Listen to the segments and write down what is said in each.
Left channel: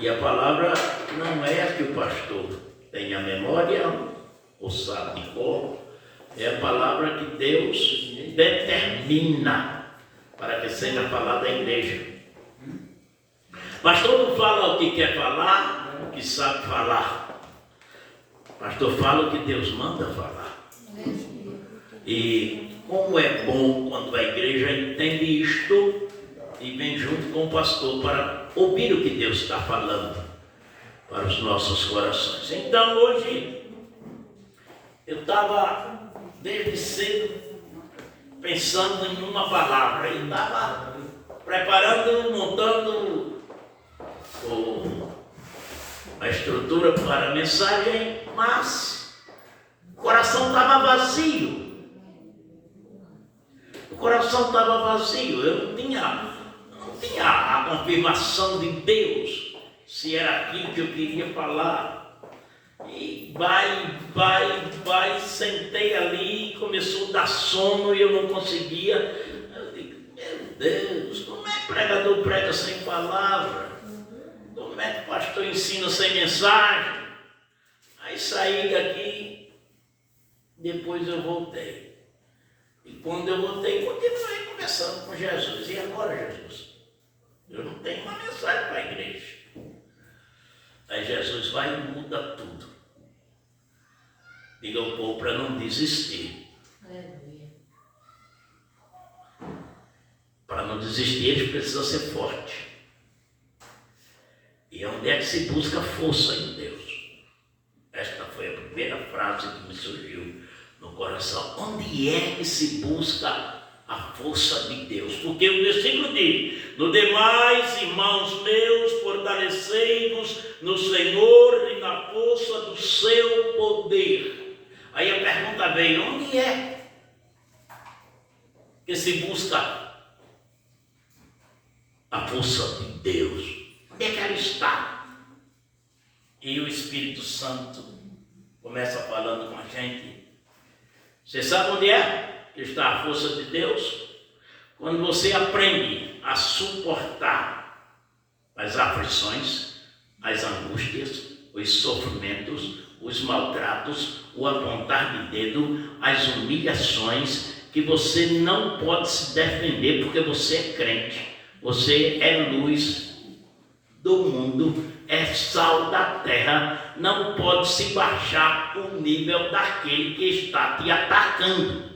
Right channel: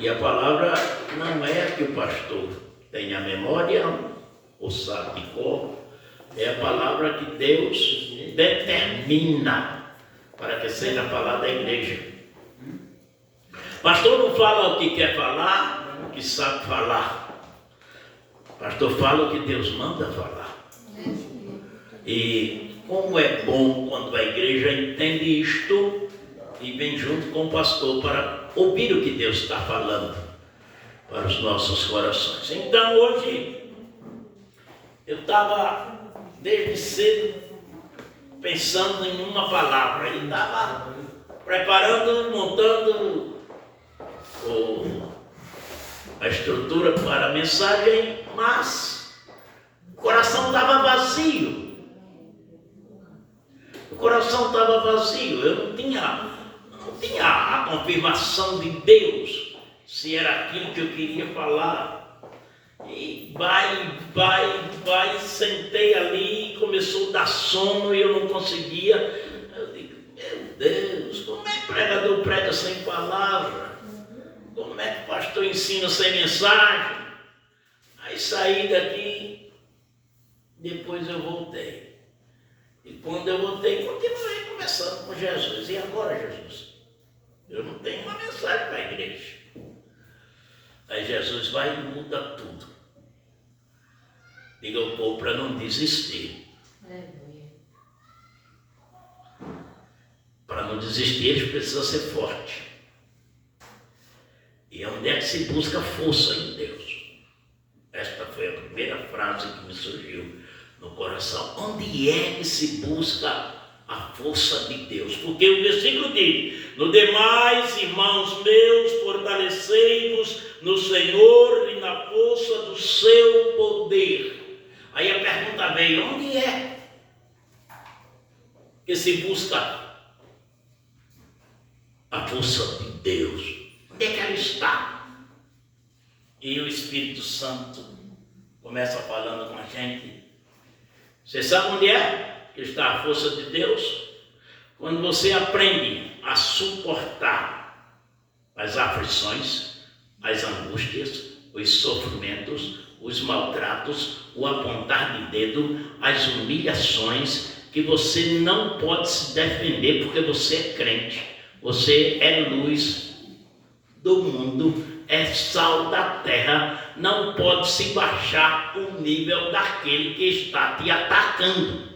E a palavra não é a que o pastor tem a memória ou sabe de cor, é a palavra que Deus determina para que seja falada à igreja. Pastor não fala o que quer falar, o que sabe falar. Pastor fala o que Deus manda falar. E como é bom quando a igreja entende isto e vem junto com o pastor para ouvir o que Deus está falando para os nossos corações. Então hoje eu estava desde cedo pensando em uma palavra e estava preparando, montando a estrutura para a mensagem, mas o coração estava vazio. O coração estava vazio. Eu não tinha a confirmação de Deus se era aquilo que eu queria falar. E sentei ali, começou a dar sono e eu não conseguia. Eu digo, meu Deus, como é que o pregador prega sem palavra? Como é que o pastor ensina sem mensagem? Aí saí daqui, depois eu voltei. E quando eu voltei, continuei conversando com Jesus. E agora, Jesus? Eu não tenho uma mensagem para a igreja. Aí Jesus vai e muda tudo. Diga ao povo para não desistir. Para não desistir, eles precisam ser fortes. E onde é que se busca força em Deus? Esta foi a primeira frase que me surgiu no coração. Onde é que se busca a força de Deus? Porque o versículo diz: no demais, irmãos meus, fortalecei-vos no Senhor e na força do seu poder. Aí a pergunta veio: onde é que se busca a força de Deus? Onde é que ela está? E o Espírito Santo começa falando com a gente. Você sabe onde é que está a força de Deus? Quando você aprende a suportar as aflições, as angústias, os sofrimentos, os maltratos, o apontar de dedo, as humilhações, que você não pode se defender porque você é crente, você é luz do mundo, é sal da terra, não pode se baixar o nível daquele que está te atacando.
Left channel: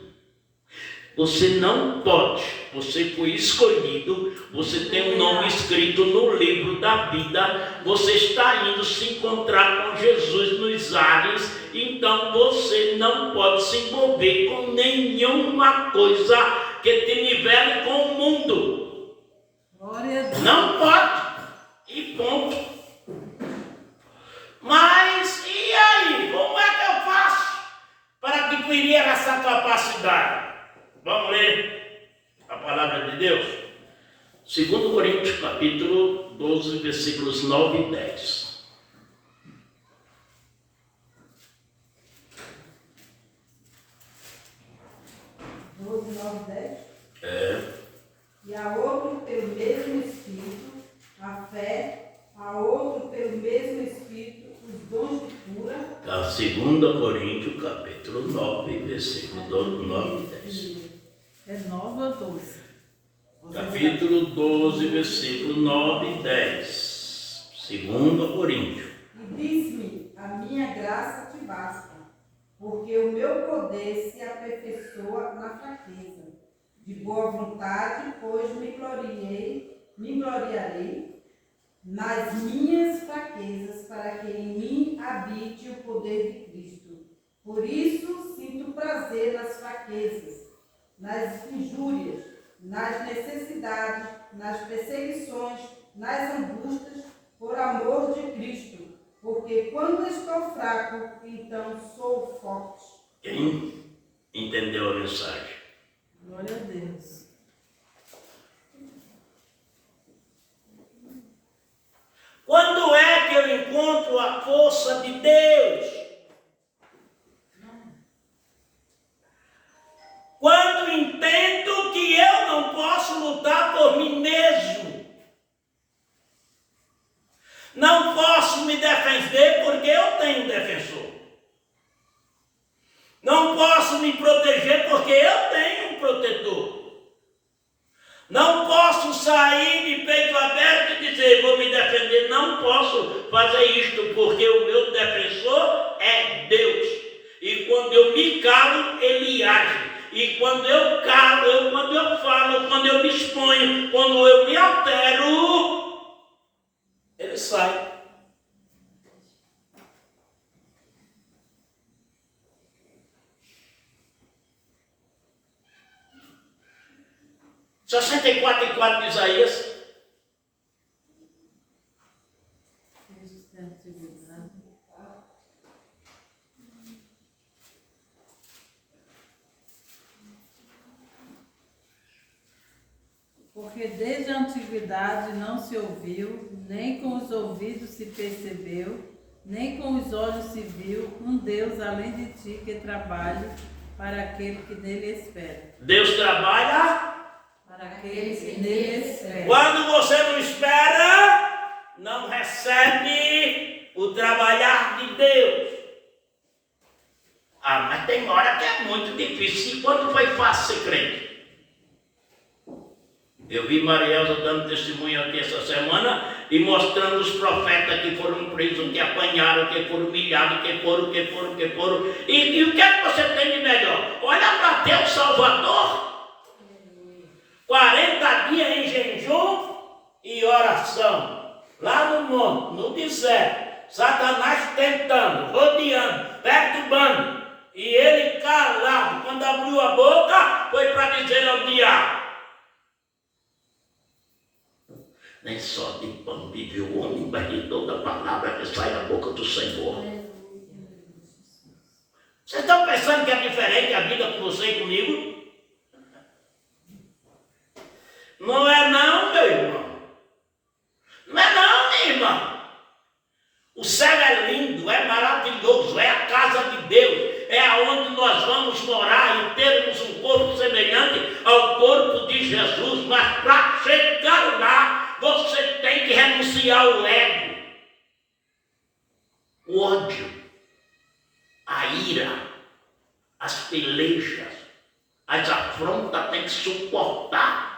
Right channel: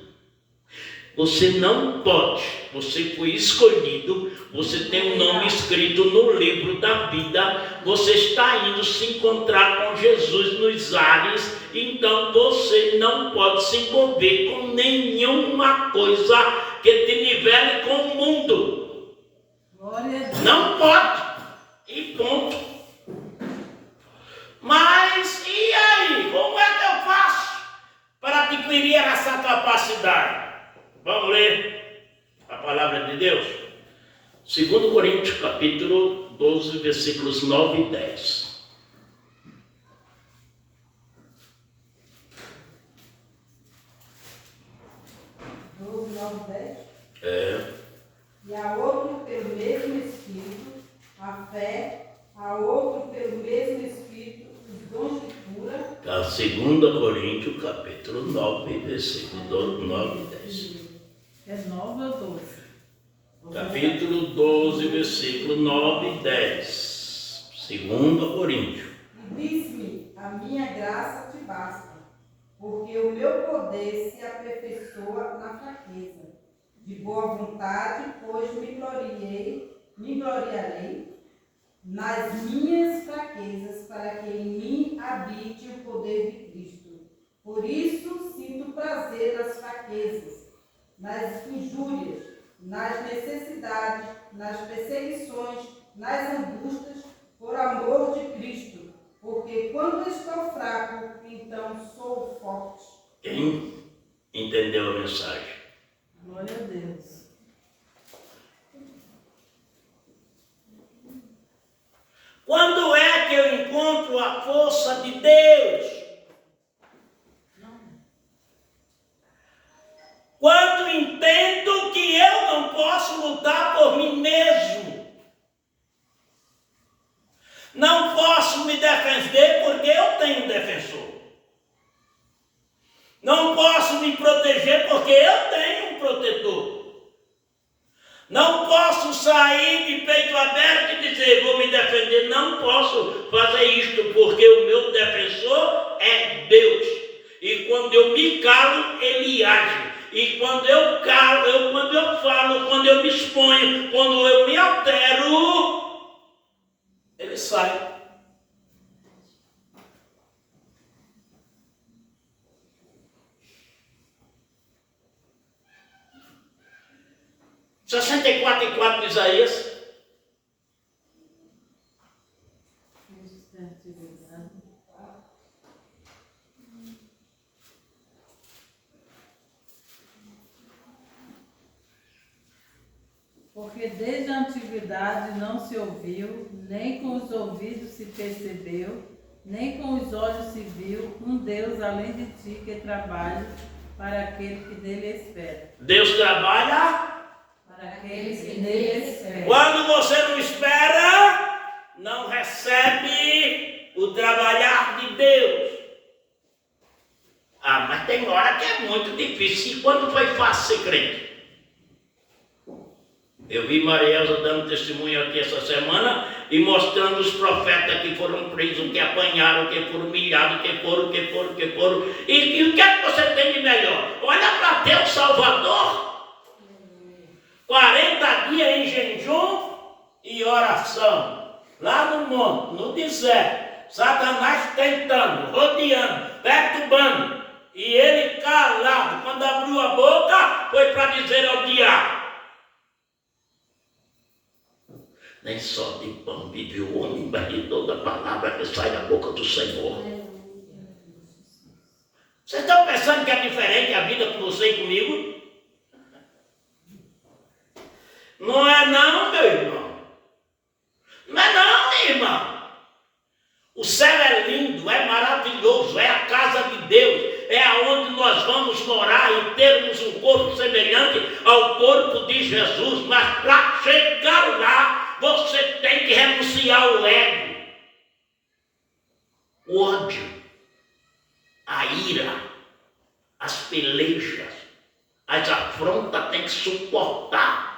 Você não pode, você foi escolhido, você tem um nome escrito no livro da vida, você está indo se encontrar com Jesus nos ares, então você não pode se envolver com nenhuma coisa que te nivele com o mundo. Não pode. E ponto. Mas e aí? Como é que eu faço para adquirir essa capacidade? Vamos ler a palavra de Deus? 2 Coríntios capítulo 12, versículos 9 e 10. E a outro pelo mesmo Espírito, a fé, a outro pelo mesmo Espírito, os dons de cura. 2 Coríntios capítulo 9, versículos 9 e 10. É 9 ou 12? Capítulo 12, versículo 9 e 10. 2 Coríntios. E diz-me: a minha graça te basta, porque o meu poder se aperfeiçoa na fraqueza. De boa vontade, pois me gloriarei nas minhas fraquezas, para que em mim habite o poder de Cristo. Por isso sinto prazer nas fraquezas, nas injúrias, nas necessidades, nas perseguições, nas angústias, por amor de Cristo. Porque quando estou fraco, então sou forte. Quem entendeu a mensagem? Glória a Deus. Quando é que eu encontro a força de Deus? Quando entendo que eu não posso lutar por mim mesmo. Não posso me defender porque eu tenho um defensor. Não posso me proteger porque eu tenho um protetor. Não posso sair de peito aberto e dizer, vou me defender. Não posso fazer isto porque o meu defensor é Deus. E quando eu me calo, Ele age. E quando eu calo, quando eu falo, quando eu me exponho, quando eu me altero, Ele sai. E 64:4 de Isaías. Porque desde a antiguidade não se ouviu, nem com os ouvidos se percebeu, nem com os olhos se viu, um Deus além de ti que trabalhe para aquele que nele espera. Deus trabalha Para aquele que nele espera. quando você não espera, não recebe o trabalhar de Deus. Ah, mas tem hora que é muito difícil. E quando foi fácil ser crente? Eu vi Maria Elza dando testemunho aqui essa semana e mostrando os profetas que foram presos, que apanharam, que foram humilhados, que foram. E o que é que você tem de melhor? Olha para Deus Salvador. 40 dias em jejum e oração. Lá no monte, no deserto. Satanás tentando, rodeando, perturbando. E ele calado. Quando abriu a boca, foi para dizer ao diabo: nem só de pão vive o homem, mas de toda palavra que sai da boca do Senhor. Vocês estão pensando que é diferente a vida com você e comigo? Não é não, meu irmão. Não é não, minha irmã. O céu é lindo, é maravilhoso, é a casa de Deus, é aonde nós vamos morar e termos um corpo semelhante ao corpo de Jesus. Mas para chegar lá, você tem que renunciar ao ego, o ódio, a ira, as pelejas, as afrontas, tem que suportar.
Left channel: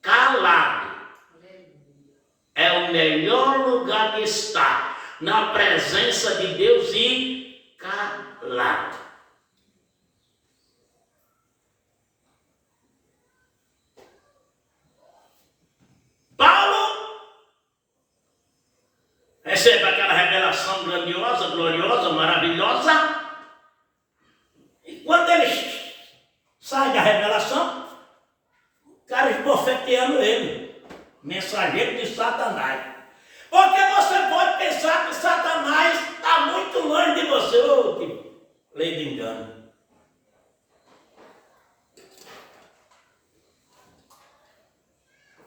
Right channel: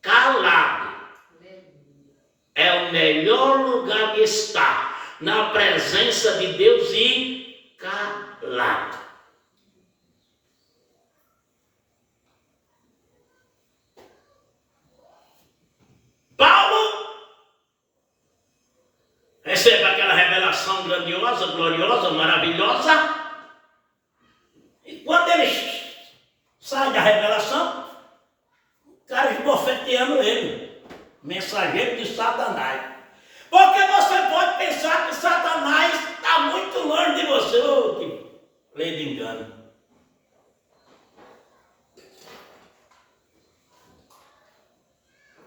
Calado é o melhor lugar de estar, na presença de Deus e calado. Paulo recebe aquela revelação grandiosa, gloriosa, maravilhosa. E quando ele sai da revelação, o cara esbofeteando ele, mensageiro de Satanás. Porque você pode pensar que Satanás está muito longe de você. Ô, que lei de engano.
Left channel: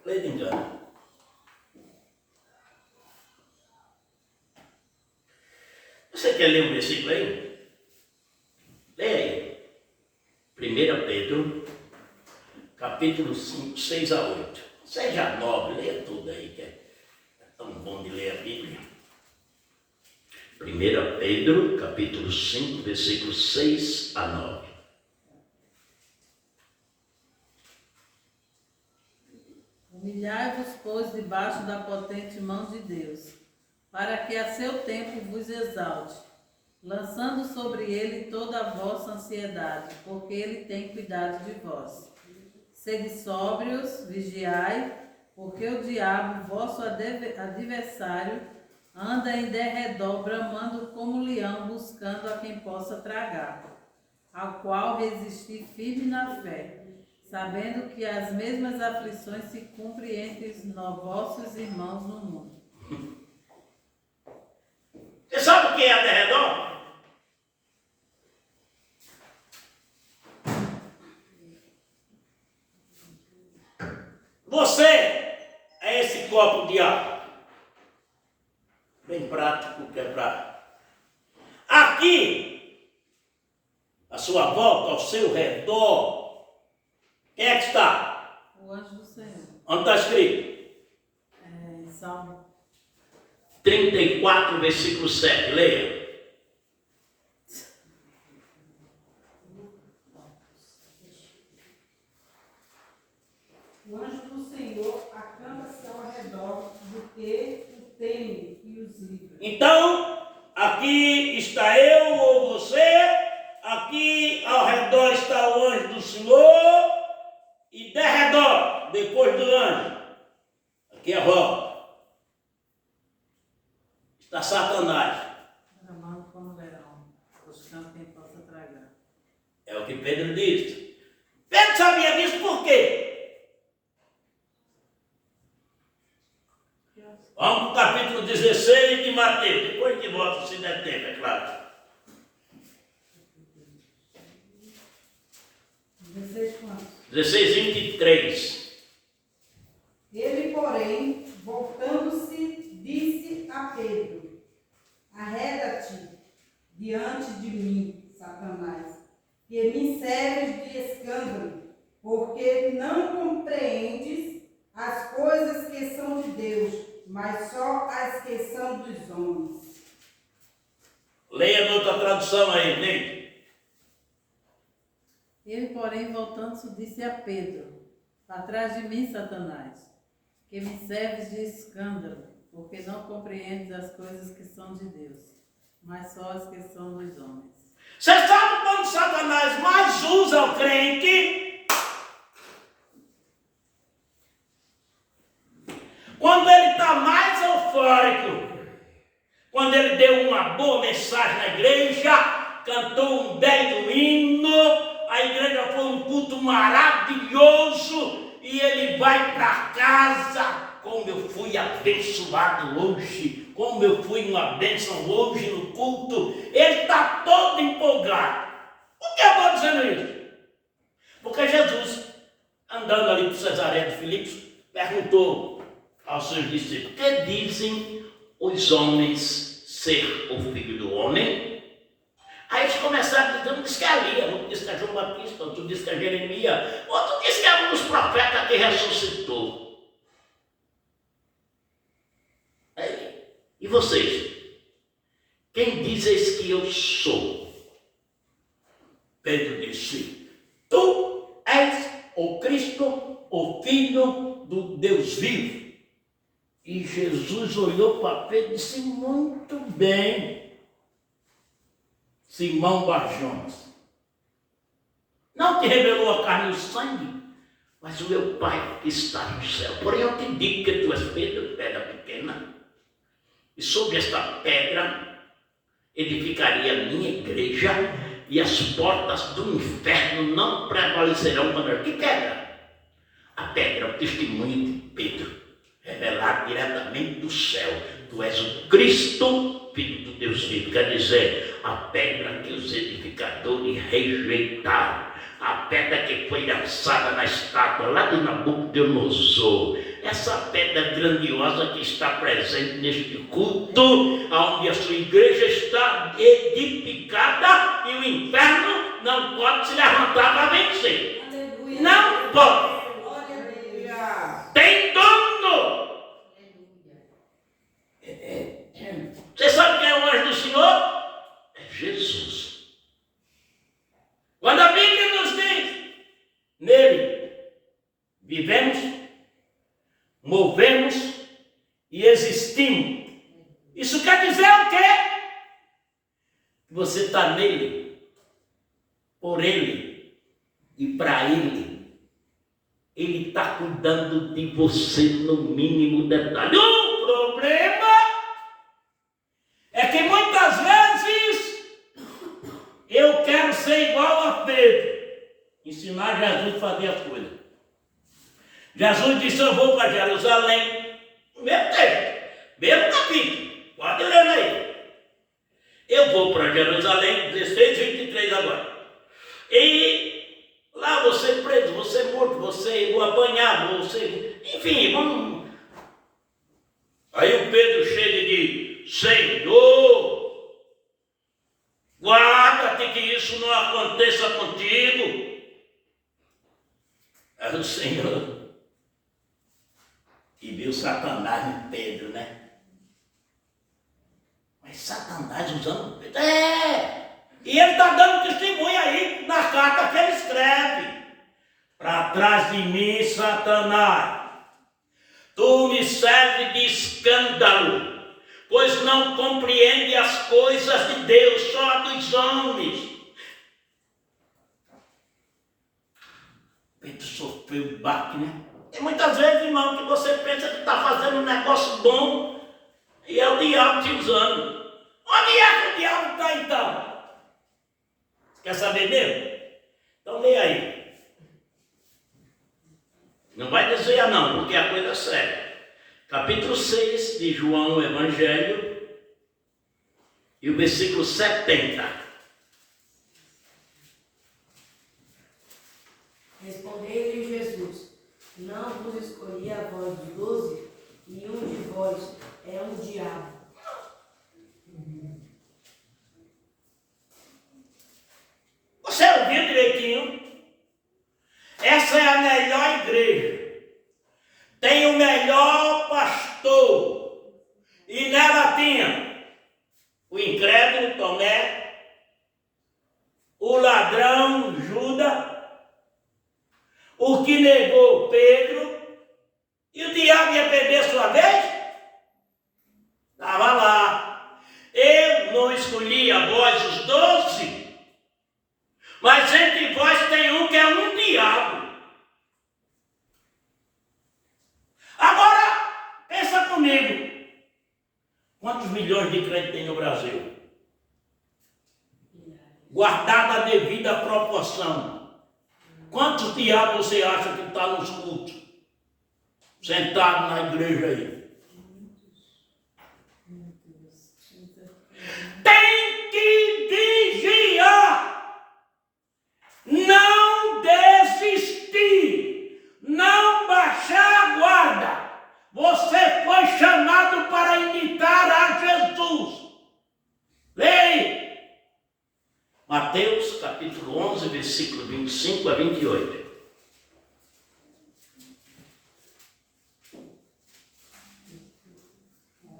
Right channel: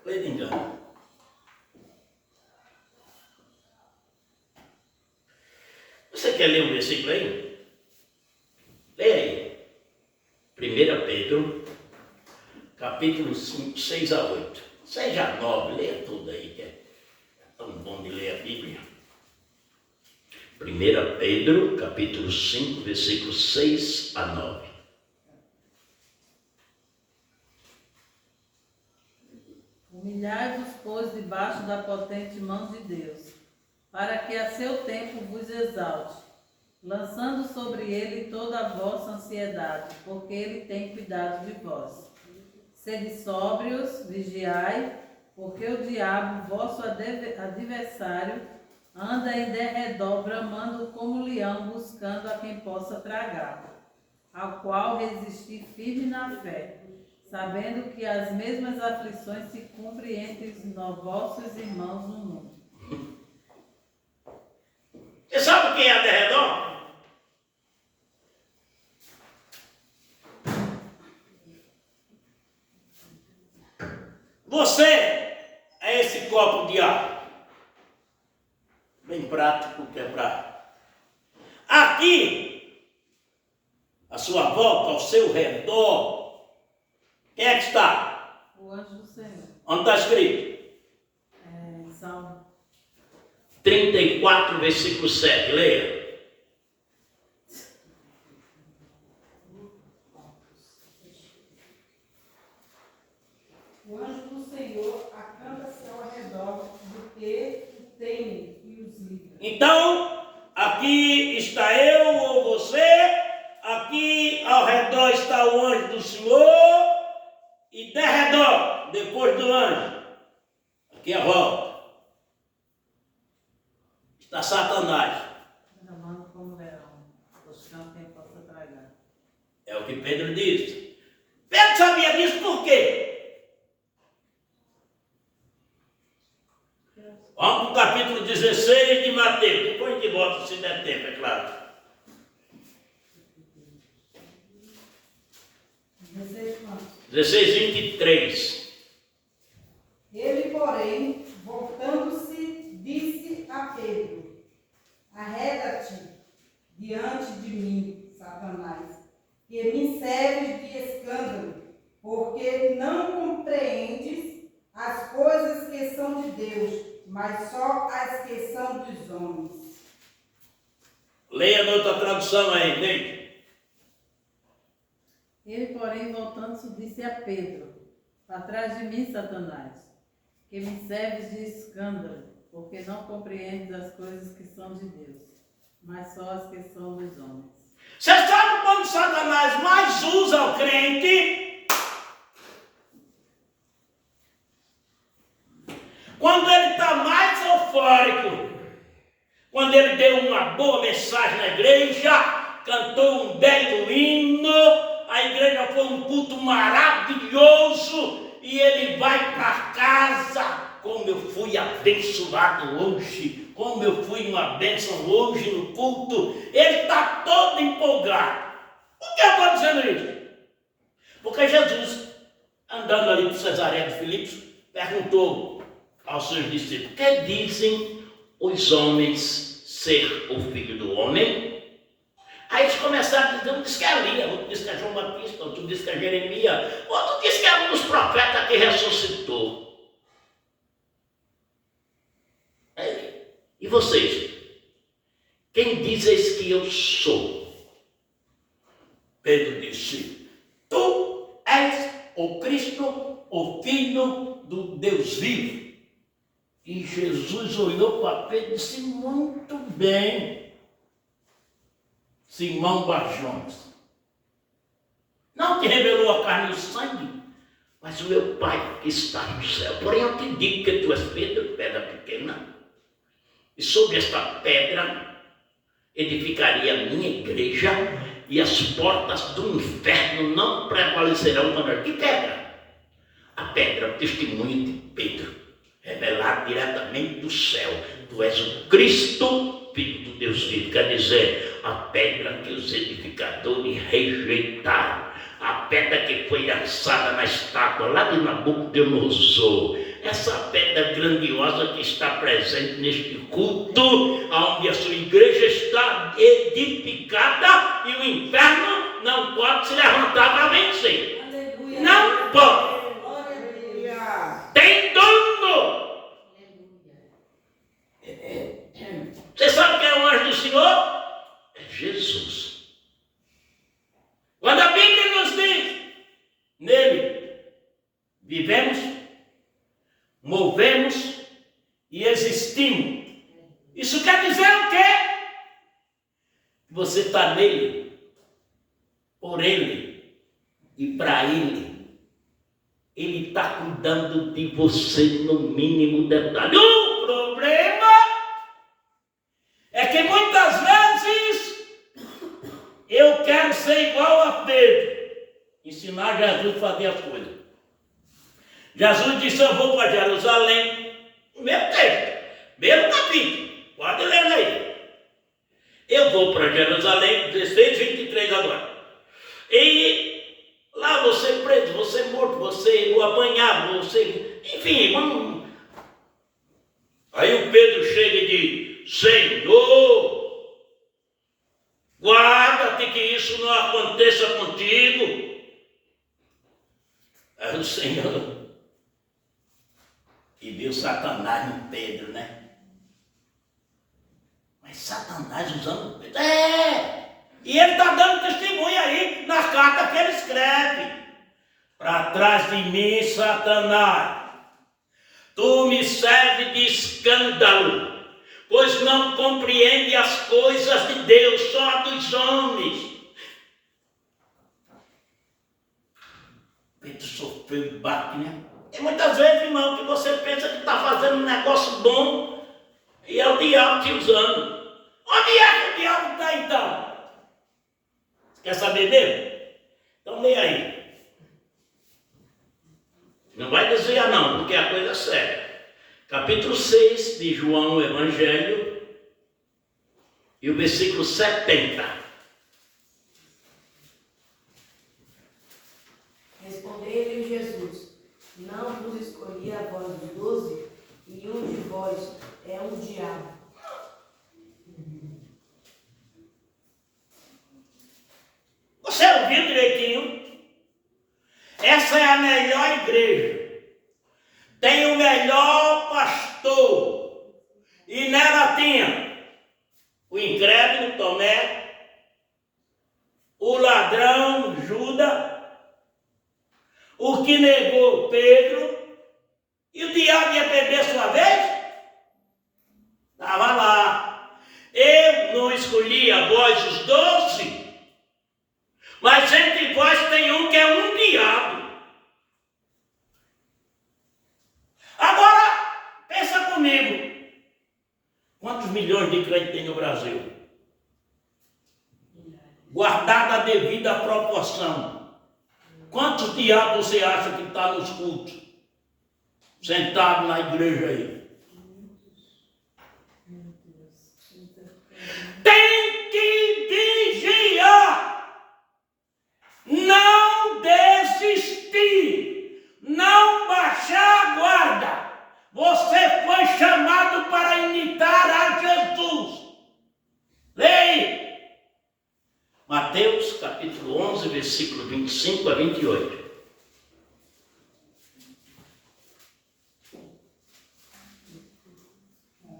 Lei de engano. Você quer ler um versículo aí? Leia aí. 1 Pedro, capítulo 5, 6 a 8. Seja nobre, leia tudo aí, que é tão bom de ler a Bíblia. 1 Pedro, capítulo 5, versículos 6 a 9. Humilhai-vos, pois, debaixo da potente mão de Deus, para que a seu tempo vos exalte, lançando sobre ele toda a vossa ansiedade, porque ele tem cuidado de vós. Sede sóbrios, vigiai, porque o diabo, vosso adversário, anda em derredor, bramando como leão, buscando a quem possa tragar, ao qual resistir firme na fé, sabendo que as mesmas aflições se cumprem entre os vossos irmãos no mundo. Você sabe o que é derredor? Você é esse copo de água, bem prático, quebrado. Aqui, à sua volta, ao seu redor, quem é que está? O anjo do Senhor. Onde está escrito? Salmo. 34, versículo 7. Leia. O anjo do Senhor acampa-se ao redor do que o teme e os livra. Então, aqui está eu ou você, aqui ao redor está o anjo do Senhor, e de redor, depois do anjo, aqui a volta, está Satanás. Bramando como leão, buscando quem possa tragar. É o que Pedro disse. Pedro sabia disso por quê? Vamos para o capítulo 16 de Mateus. Depois a gente volta, se der tempo, é claro. 16 quantos? 16, 23. Ele, porém, voltando-se, disse a Pedro: Arreda-te diante de mim, Satanás, que me serves de escândalo, porque não compreendes as coisas que são de Deus, mas só as que são dos homens. Leia na outra tradução aí, Neide. Ele, porém, voltando-se, disse a Pedro: Atrás de mim, Satanás, que me serves de escândalo, porque não compreendes as coisas que são de Deus, mas só as que são dos homens. Você sabe quando Satanás mais usa o crente? Quando ele está mais eufórico, quando ele deu uma boa mensagem na igreja, cantou um belo hino, a igreja foi um culto maravilhoso, e ele vai para casa. Como eu fui abençoado hoje, como eu fui uma bênção hoje no culto. Ele está todo empolgado. Por que eu estou dizendo isso? Porque Jesus, andando ali por Cesareia de Filipe, perguntou aos seus discípulos: que dizem os homens ser o filho do homem? Aí eles começaram a dizer: um diz que é Elias, outro diz que é João Batista, outro diz que é Jeremias, outro diz que é um dos profetas que ressuscitou. E vocês? Quem dizes que eu sou? Pedro disse: tu és o Cristo, o Filho do Deus vivo. E Jesus olhou para Pedro e disse: muito bem, Simão Barjonas. Não te revelou a carne e o sangue, mas o meu Pai que está no céu. Porém eu te digo que tu és Pedro, pedra pequena, e sobre esta pedra edificaria a minha igreja, e as portas do inferno não prevalecerão contra ela. Que pedra? A pedra, o testemunho de Pedro, revelado diretamente do céu. Tu és o Cristo, Filho do Deus vivo. Quer dizer, a pedra que os edificadores rejeitaram, a pedra que foi lançada na estátua lá de Nabucodonosor, essa pedra grandiosa que está presente neste culto, onde a sua igreja está edificada, e o inferno não pode se levantar para vencer. Aleluia. Não pode. Glória a Deus. Tem dono. Você sabe quem é o anjo do Senhor? É Jesus. Quando a Bíblia nos diz: nele vivemos, movemos e existimos. Isso quer dizer o quê? Você está nele, por ele e para ele. Ele está cuidando de você no mínimo detalhe. O problema é que muitas vezes eu quero ser igual a Pedro, ensinar Jesus a fazer as coisas. Jesus disse: eu vou para Jerusalém. O mesmo texto, mesmo capítulo, pode ler aí. Eu vou para Jerusalém, 16, 23 agora. E lá você preso, você morto, você apanhado, você... enfim, vamos... Aí o Pedro chega e diz: Senhor, guarda-te que isso não aconteça contigo. Aí o Senhor... e viu Satanás no Pedro, né? Satanás usando Pedro. E ele está dando testemunho aí nas cartas que ele escreve. Para trás de mim, Satanás, tu me serves de escândalo, pois não compreende as coisas de Deus, só a dos homens. Pedro sofreu um baque, né? E muitas vezes, irmão, que você pensa que está fazendo um negócio bom e é o diabo te usando. Onde é que o diabo está então? Quer saber mesmo? Então leia aí. Não vai dizer não, porque a coisa é séria. Capítulo 6 de João, o Evangelho, e o versículo 70. Respondeu-lhe Jesus: não vos escolhi a vós dos 12, e um de vós é um diabo. Você ouviu direitinho? Essa é a melhor igreja. Tem o melhor pastor. E nela tinha o incrédulo Tomé, o ladrão Judas, o que negou Pedro, e o diabo ia perder a sua vez? Estava lá. Eu não escolhi a vós os 12, mas entre vós tem um que é um diabo. Agora, pensa comigo. Quantos milhões de crentes tem no Brasil? Guardada a devida proporção. Quantos diabos você acha que está nos cultos? Sentado na igreja aí. Tem que vigiar. Não desistir. Não baixar a guarda. Você foi chamado para imitar a Jesus. Leia. Mateus capítulo 11, versículo 25 a 28.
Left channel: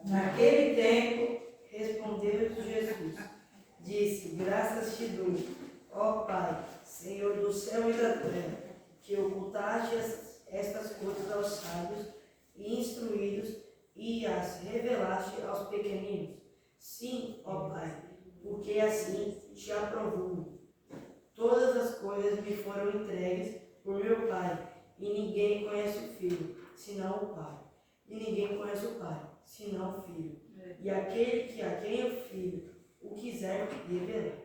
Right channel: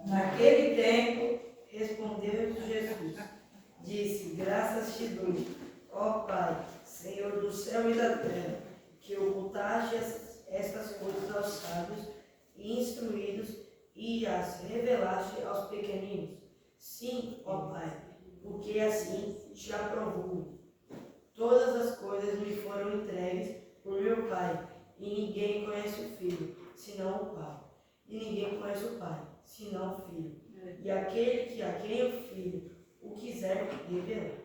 Naquele tempo, respondeu Jesus, disse: graças te dou, ó Pai, Senhor do céu e da terra, que ocultaste estas coisas aos sábios e instruídos e as revelaste aos pequeninos. Sim, ó Pai, porque assim te aprovou. Todas as coisas me foram entregues por meu Pai, e ninguém conhece o Filho, senão o Pai. E ninguém conhece o Pai, senão o Filho. E aquele que a quem o Filho o quiser revelar.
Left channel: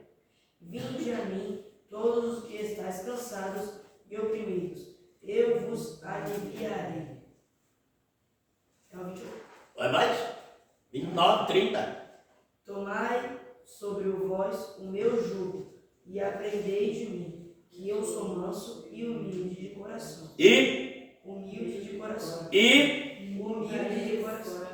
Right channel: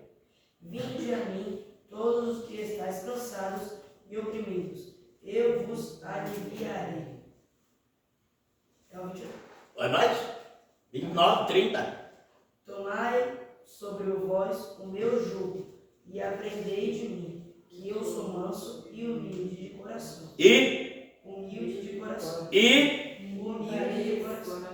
Vinde a mim, todos os que estáis cansados e oprimidos, eu vos aliviarei. É o 28. Vai mais? 29, 30. Tomai sobre vós o meu jugo, e aprendei de mim, que eu sou manso e humilde de coração. Humilde de coração. Humilde de coração.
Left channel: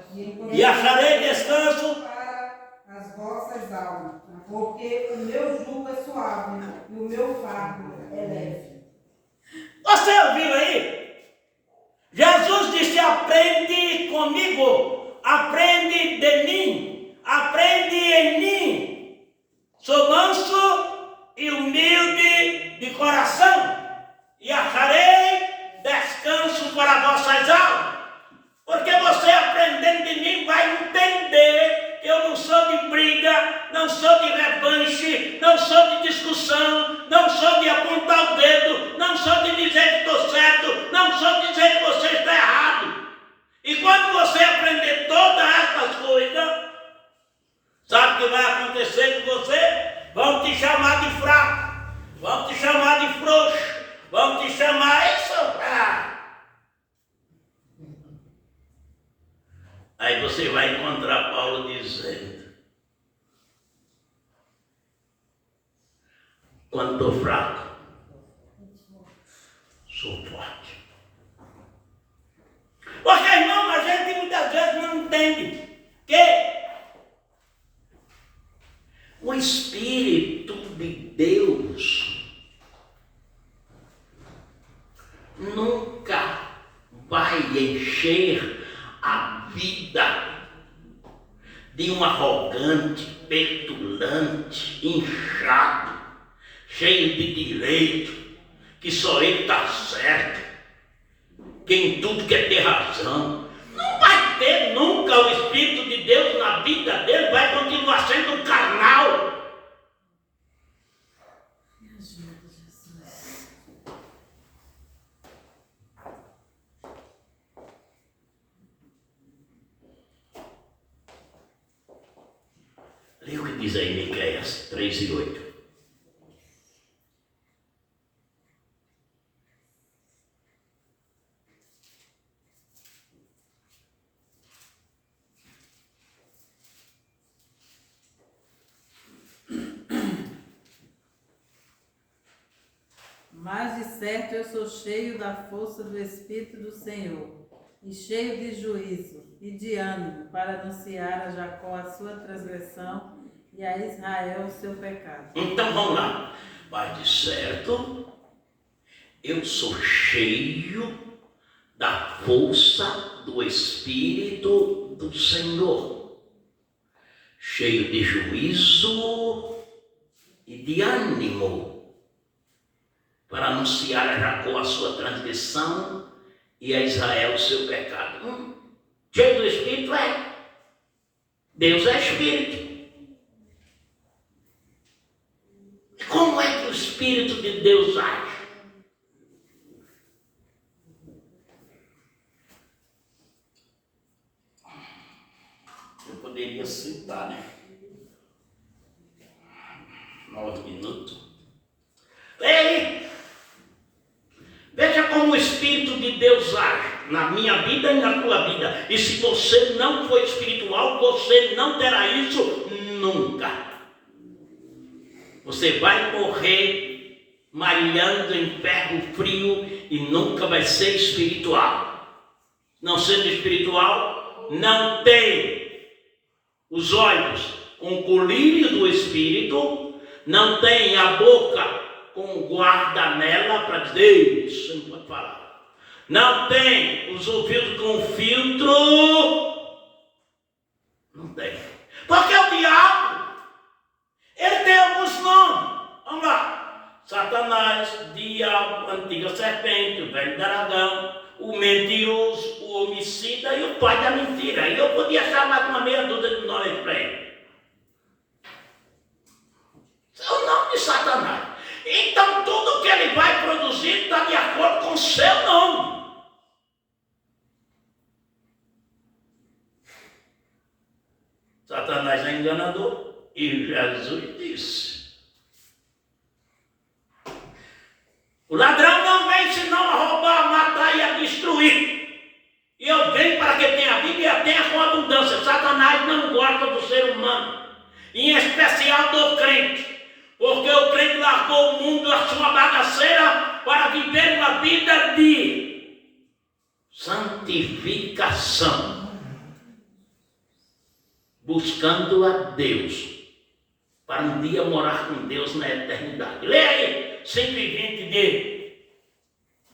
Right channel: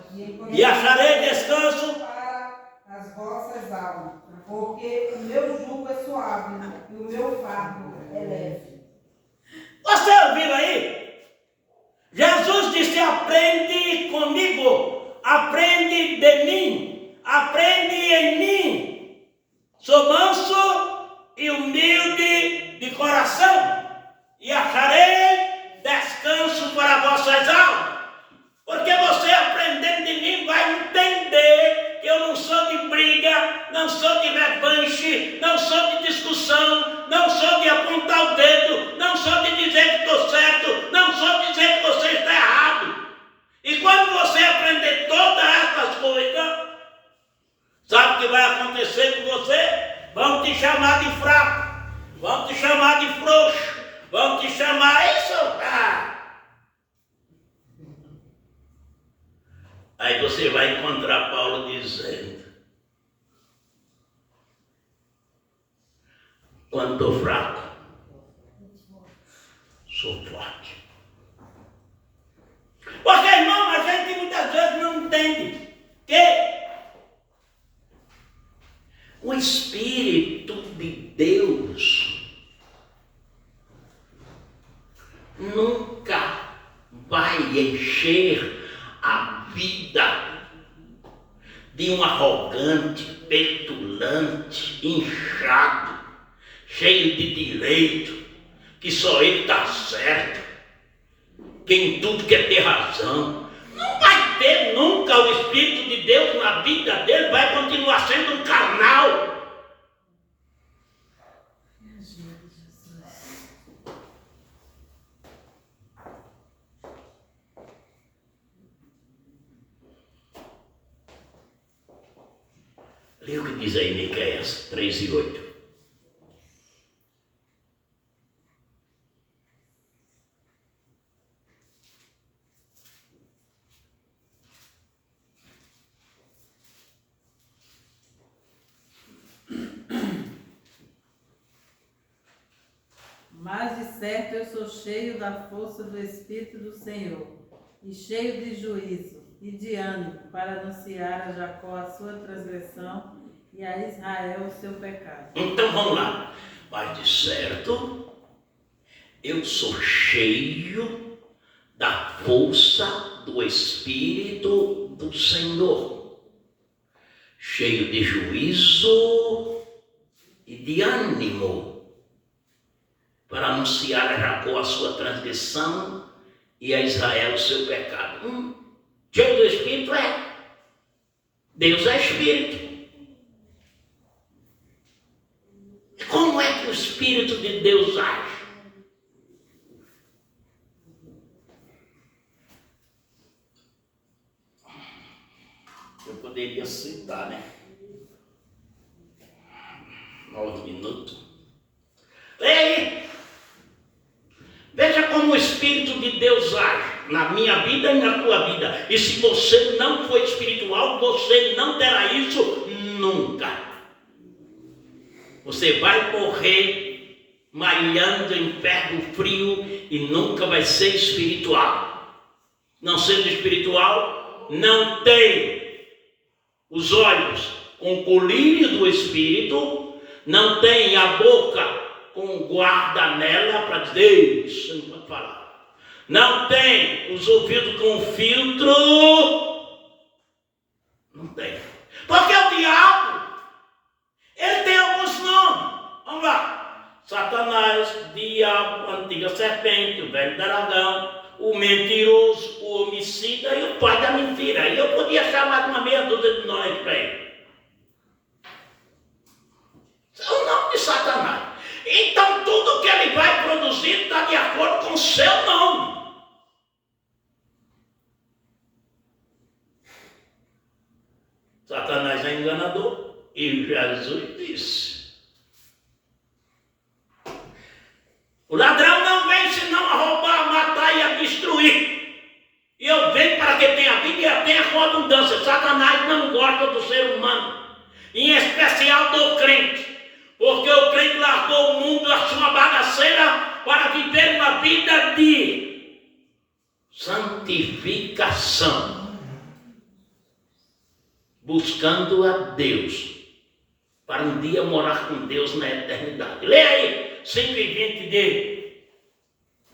E acharei descanso para as vossas almas, porque o meu jugo é suave e o meu fardo é leve. Você ouviu aí? Jesus disse: aprende comigo, aprende de mim, aprende em mim. Sou manso e humilde de coração, e acharei descanso para vossas almas. Porque você aprendendo de mim vai entender que eu não sou de briga, não sou de revanche, não sou de discussão, não sou de apontar o dedo, não sou de dizer que estou certo, não sou de dizer que você está errado. E quando você aprender todas essas coisas, sabe o que vai acontecer com você? Vão te chamar de fraco, vão te chamar de frouxo, vão te chamar isso. Aí você vai encontrar Paulo dizendo: quando estou fraco, sou forte. Porque, irmão, a gente muitas vezes não entende que o Espírito de Deus nunca vai encher a vida de um arrogante, petulante, inchado, cheio de direito, que só ele está certo, que em tudo quer ter razão. Não vai ter nunca o Espírito de Deus na vida dele, vai continuar sendo um carnal. Lê o que diz aí Miqueias 3:8. Mas de certo eu sou cheio da força do Espírito do Senhor, e cheio de juízo e de ânimo, para anunciar a Jacó a sua transgressão e a Israel o seu pecado. Então vamos lá. Mas de certo, eu sou cheio da força do Espírito do Senhor, cheio de juízo e de ânimo, para anunciar a Jacó a sua transgressão e a Israel o seu pecado. Cheio do Espírito é. Deus é Espírito. Como é que o Espírito de Deus age? Eu poderia citar, né? 9 minutos. Ei! Veja como o Espírito de Deus age na minha vida e na tua vida. E se você não for espiritual, você não terá isso nunca. Você vai morrer malhando em ferro frio e nunca vai ser espiritual. Não sendo espiritual, não tem os olhos com o colírio do Espírito, não tem a boca com guarda nela para dizer, isso não pode falar. Não tem os ouvidos com filtro. Não tem. Porque o diabo, ele tem alguns nomes. Vamos lá. Satanás, diabo, antiga serpente, o velho dragão, o mentiroso, o homicida e o pai da mentira. E eu podia chamar uma meia dúzia de nós para ele. Esse é o nome de Satanás. Então tudo que ele vai produzir está de acordo com o seu nome. Satanás é enganador. E Jesus disse: o ladrão não vem senão a roubar, a matar e a destruir. E eu venho para que tenha vida e a tenha com abundância. Satanás não gosta do ser humano, em especial do crente. Porque o crente largou o mundo, a sua bagaceira, para viver uma vida de santificação, buscando a Deus, para um dia morar com Deus na eternidade. Leia aí, 120 de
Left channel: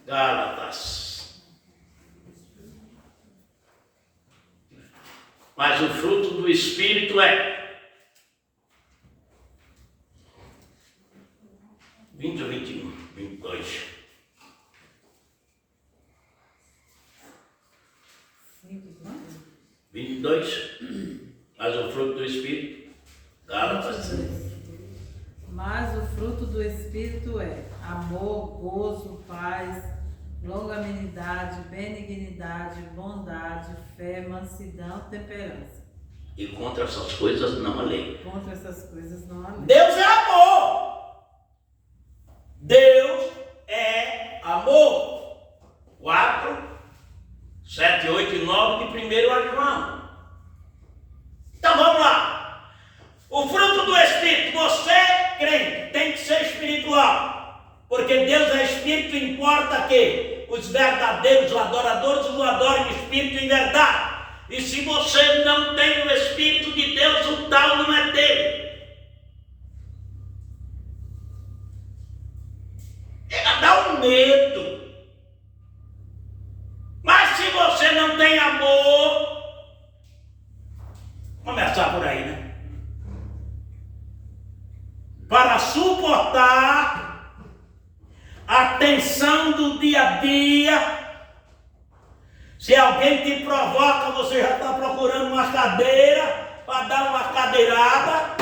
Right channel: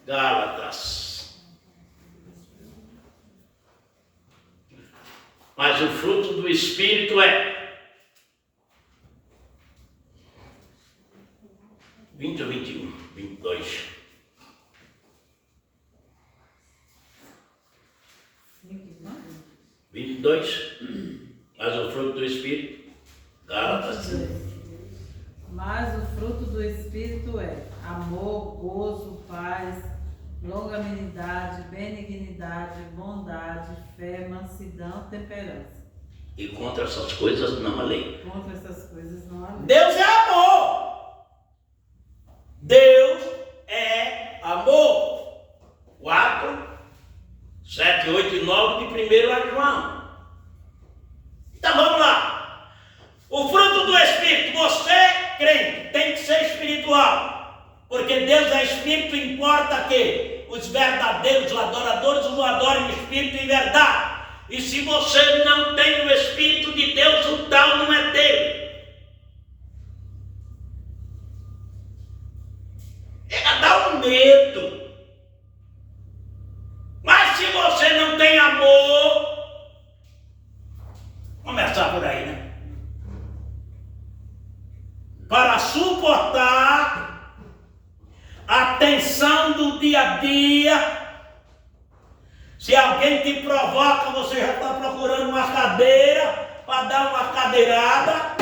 Gálatas. Mas o fruto do Espírito é 20 ou 21, 22. 22. Mas o fruto do Espírito, Gálatas. Mas o fruto do Espírito é amor, gozo, paz, longanimidade, benignidade, bondade, fé, mansidão, temperança. E contra essas coisas não há lei. Contra essas coisas não há lei. Deus é amor. Deus é amor. 4, 7, 8 e 9 de 1 João. Então vamos lá. O fruto do Espírito, você, crente, tem que ser espiritual. Porque Deus é Espírito, importa que os verdadeiros adoradores o adorem em Espírito e em verdade. E se você não tem o Espírito de Deus, o tal não é dele. Ela dá um medo. Mas se você não tem amor, começa começar por aí, né? Para suportar a tensão do dia a dia. Se alguém te provoca, você já está procurando uma cadeira para dar uma cadeirada.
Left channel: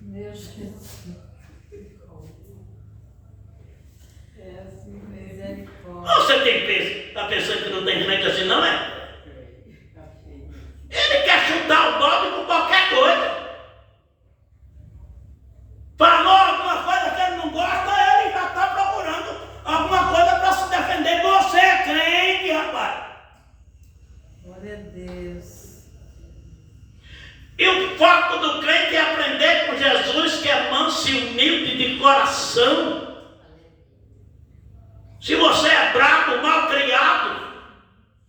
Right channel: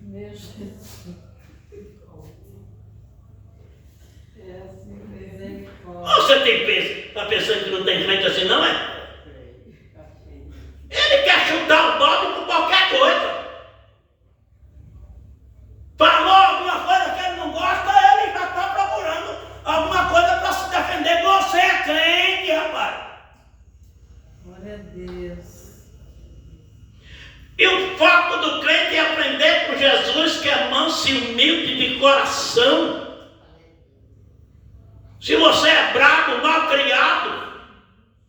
Meu Jesus. É assim, misericórdia. Ou você está pensando que não tem crente assim, não é? Ele quer chutar o balde por qualquer coisa. Falou alguma coisa que ele não gosta, ele já está procurando alguma coisa para se defender. Você é crente, rapaz. Glória a Deus. E o foco do crente é aprender com Jesus, que é manso e humilde de coração. Se você é bravo, mal criado,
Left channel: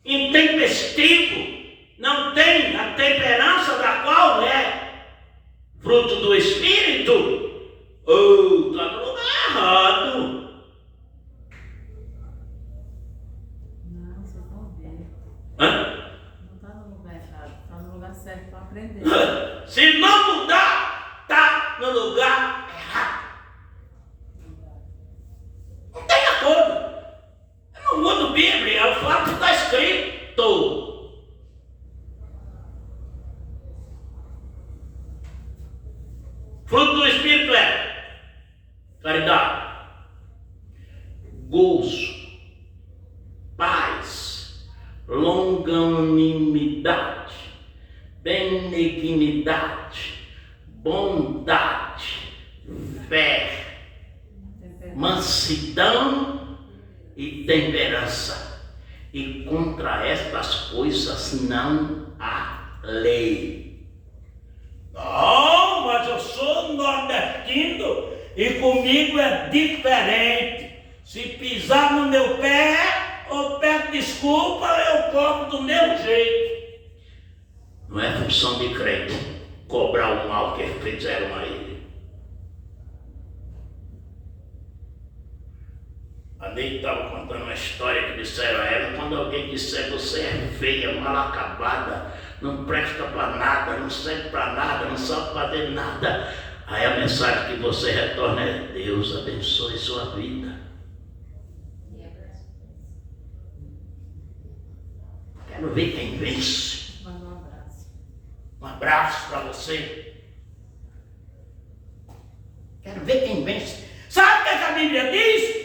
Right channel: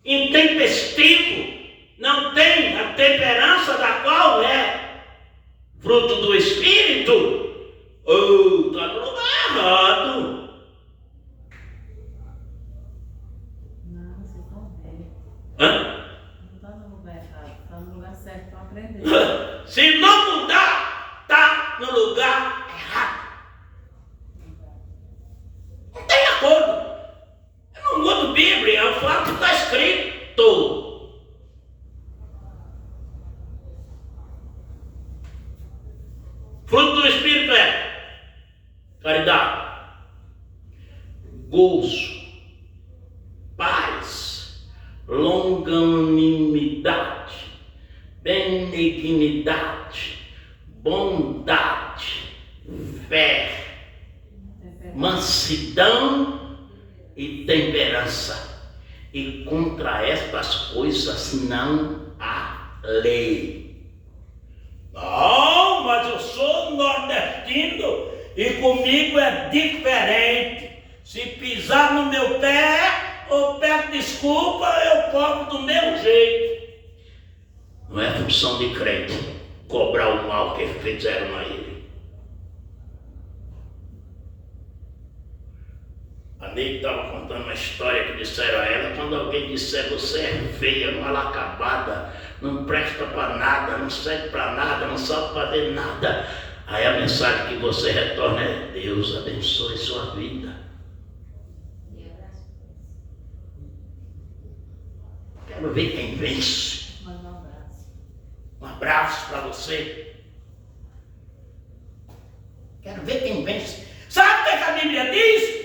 intempestivo, não tem a temperança da qual é fruto do Espírito, está no lugar errado. Não, vocês vão ver. Hã? Não está no lugar errado, está no lugar certo para aprender. Se não mudar, está no lugar errado. Não tem acordo. Eu não mudo Bíblia, eu falo o que está escrito. Fruto do Espírito é caridade, gozo, paz, longanimidade, benignidade, bondade, fé, mansidão e temperança. E contra estas coisas não há lei. Não, mas eu sou nordestino e comigo é diferente. Se pisar no meu pé, ou peço desculpa, eu cobro do meu jeito. Não é função de crente cobrar o mal que fizeram a ele. A Neide estava contando uma história que disseram a ela: quando alguém disser você é feia, mal acabada, não presta para nada, não serve para nada, não sabe fazer nada, aí a mensagem que você retorna é: Deus abençoe sua vida. Quero ver quem vence. Manda um abraço. Um abraço para você. Quero ver quem vence. Sabe o que a Bíblia diz?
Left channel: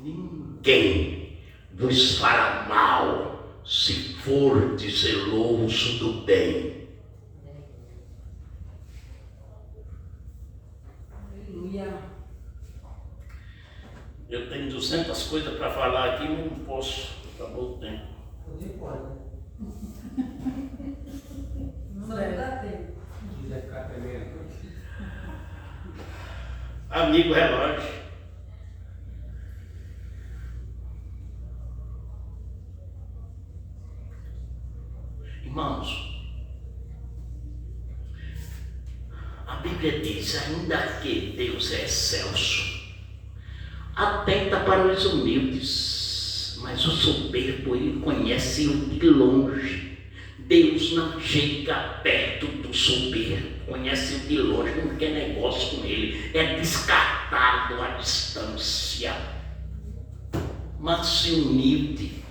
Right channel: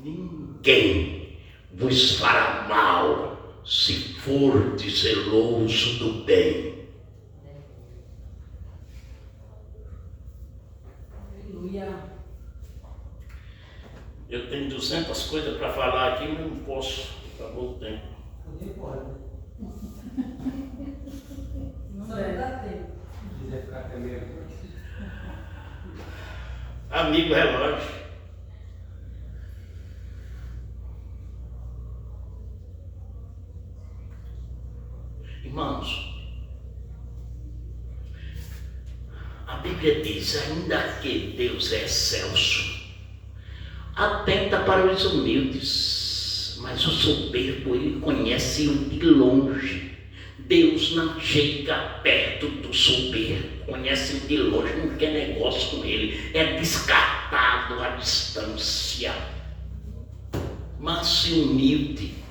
Ninguém vos fará mal se for zeloso do bem. Aleluia. Eu tenho 200 coisas para falar aqui, mas não posso. Acabou o tempo. Nem pode. Não Só deve. dá tempo. Se quiser ficar tremendo. Amigo relógio. Irmãos, a Bíblia diz: ainda que Deus é excelso, atenta para os humildes, mas o soberbo ele conhece-o de longe. Deus não chega perto do soberbo, conhece-o de longe, não quer negócio com ele, é descartado à distância. Manso e humilde.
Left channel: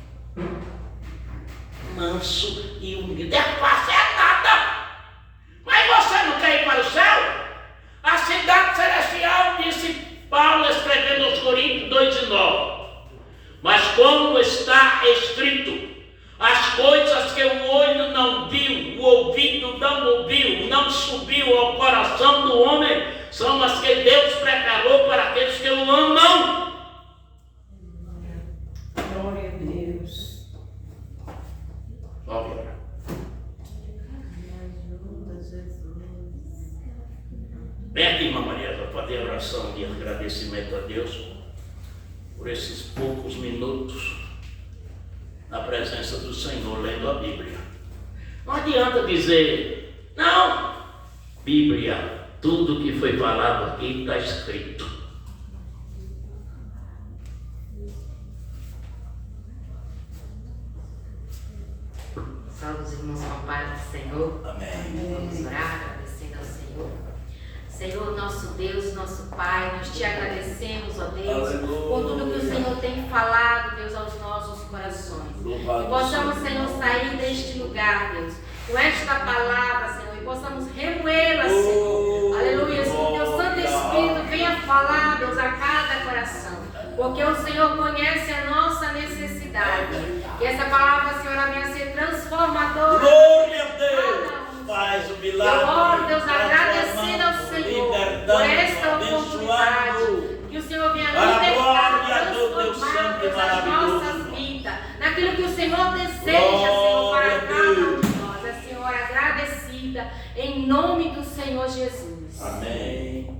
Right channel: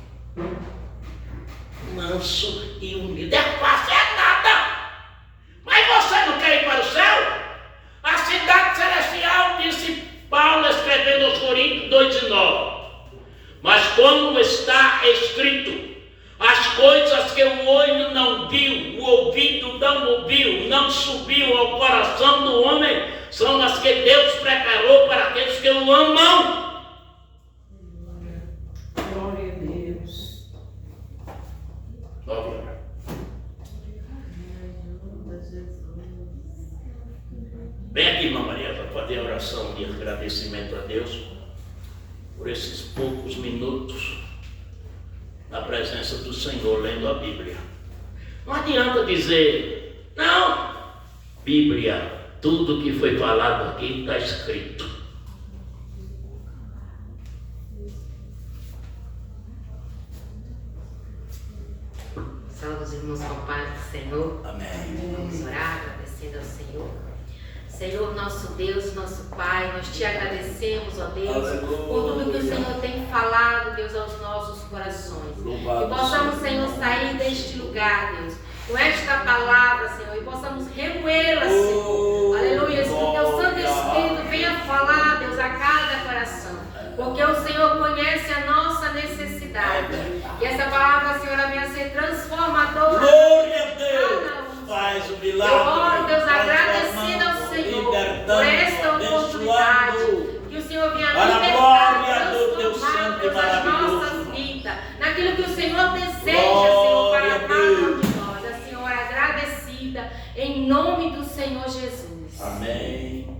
Manso e humilde. É fácil, é nada. Mas você não quer ir para o céu? A cidade celestial, disse Paulo escrevendo aos Coríntios 2:9. Mas como está escrito: as coisas que o olho não viu, o ouvido não ouviu, não subiu ao coração do homem, são as que Deus preparou para aqueles que o amam. Glória a Deus. 9 horas. Me ajuda, Jesus. Vem aqui, irmã Maria, para fazer a oração de agradecimento a Deus por esses poucos minutos na presença do Senhor, lendo a Bíblia. Não adianta dizer, não, Bíblia, tudo que foi falado aqui está escrito. Saúde os irmãos com a paz do Senhor. Amém. Vamos orar, agradecendo ao Senhor. Senhor, nosso Deus, nosso Pai, nós te agradecemos, ó Deus, por tudo que o Senhor tem falado, Deus, aos nossos corações. Que possamos, Senhor, sair deste lugar, Deus, com esta palavra, Senhor, e possamos remoê-la, Senhor. Aleluia, que o teu Santo Espírito venha falar, Deus, a cada coração. Porque o Senhor conhece a nossa necessidade. E essa palavra, Senhor, venha a ser transformadora. Glória a Deus. Faz o milagre. Eu oro, Deus, agradecida ao Senhor por esta oportunidade. Que o Senhor venha libertar, transformar, Deus, as nossas vidas. Naquilo que o Senhor deseja, Senhor, para cada um de nós. A Senhora agradecida, em nome do Senhor Jesus. Amém.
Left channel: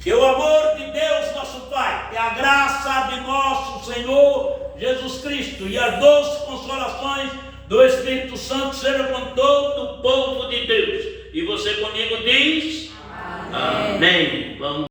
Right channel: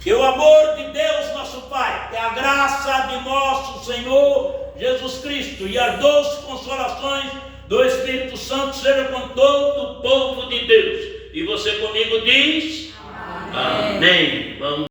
Que o amor de Deus, nosso Pai, que a graça de nosso Senhor Jesus Cristo e as doces consolações do Espírito Santo sejam com todo o povo de Deus. E você comigo diz? Amém. Amém. Vamos.